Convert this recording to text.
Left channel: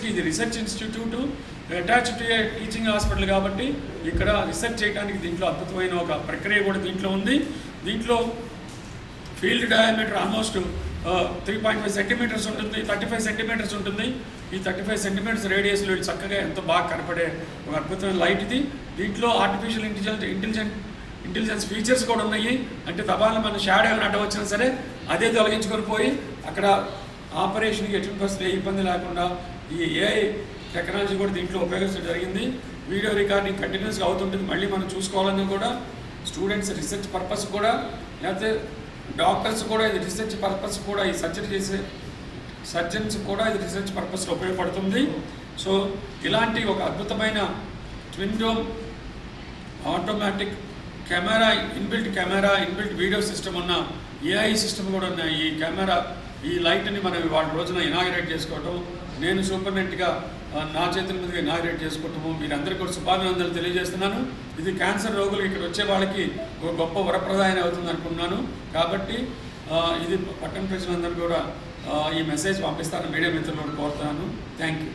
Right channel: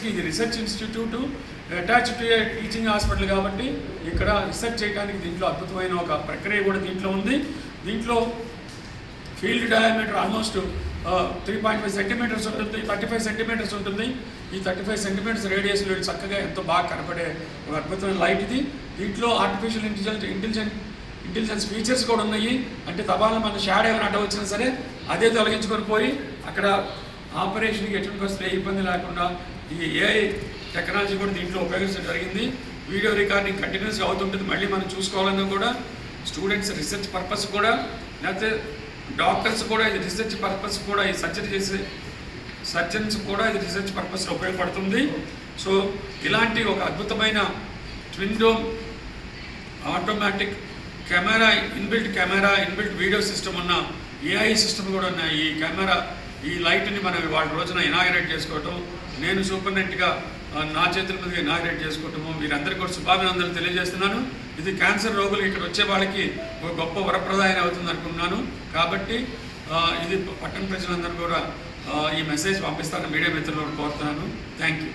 రీసెర్చ్కి ఇది research institute attached to teaching hospital కాబట్టి ఇక్కడ రీసెర్చ్ చేయడానికి దీంట్లో అద్భుతమైన ఒక ప్రక్రియ కూడా దీంట్లో ఉంది. దీంట్లో ఫీల్డ్ డయామీటర్ ఆల్మోస్ట్ 3.5 సెంటీమీటర్స్ ఉంటుంది, 35 సెంటీమీటర్స్ ఉంటుంది. ఈ 35 సెంటీమీటర్స్ రేడియస్లో చక్కగా ఎంతో బాగా కనపడే ఒక అద్భుతమైన లైట్ ఇది. దీంట్లో ఆర్టిఫిషియల్ ఇంటెలిజెన్స్ ఫీచర్స్ కూడా ఉన్నాయి. అంటే తబాలను మన షాడో ఏమైనా అడ్డ వచ్చినా సరే అదే తొలగించుకొని పోయి అక్కడ ఆపరేషన్కి ఎటువంటి వస్తే ఏ ఇబ్బంది లేకుండా ఈ ఏఐ టెక్నాలజీ కూడా దీంట్లో ఉపయోగించడం జరిగింది. వీడియో రికార్డింగ్ కంటిన్యూస్గా అవుతుంటుంది. మళ్ళీ మనం చూసుకోవాలన్నా కూడా స్టూడెంట్స్ రీసెర్చ్ పర్పస్ కూడా, లేకపోతే డాక్టర్స్ కూడా ఇది రీసెర్చ్ పర్పస్ కూడా, ఈ సర్జరీ చేసే సర్జన్స్ కూడా ఇది రీసెర్చ్ పర్పస్లో ఉపయోగపడుతుంది. సో ఇలాంటి ఒక అద్భుతమైన twin dome automatic camera, inbuilt video system ఉన్న ఏఐ సిస్టమ్ కూడా ఉన్న ఈ కెమెరా, ఈ లైట్ని మనం వాళ్ళ రోజున ఇనాగరేట్ చేసుకోవటం, నేను సూపరింటెండెంట్గా నా చేతుల మీద ఇనాగరేట్ చేసుకోవటము, మీరందరికీ కూడా శుభాభినందనలు తెలియజేస్తున్నాను. ఇది క్యాన్సర్ రోగులు ఇక్కడ వచ్చే వాళ్ళకి ఒక గొప్ప వరప్రదాయం అవుతుంది అనుకున్నాను. కాబట్టి ఇది పట్టణ ప్రజలందరూ కూడా ఈ మెసేజ్ పంపిస్తారని మీడియా మిత్రులను కోరుతున్నాను. Thank you.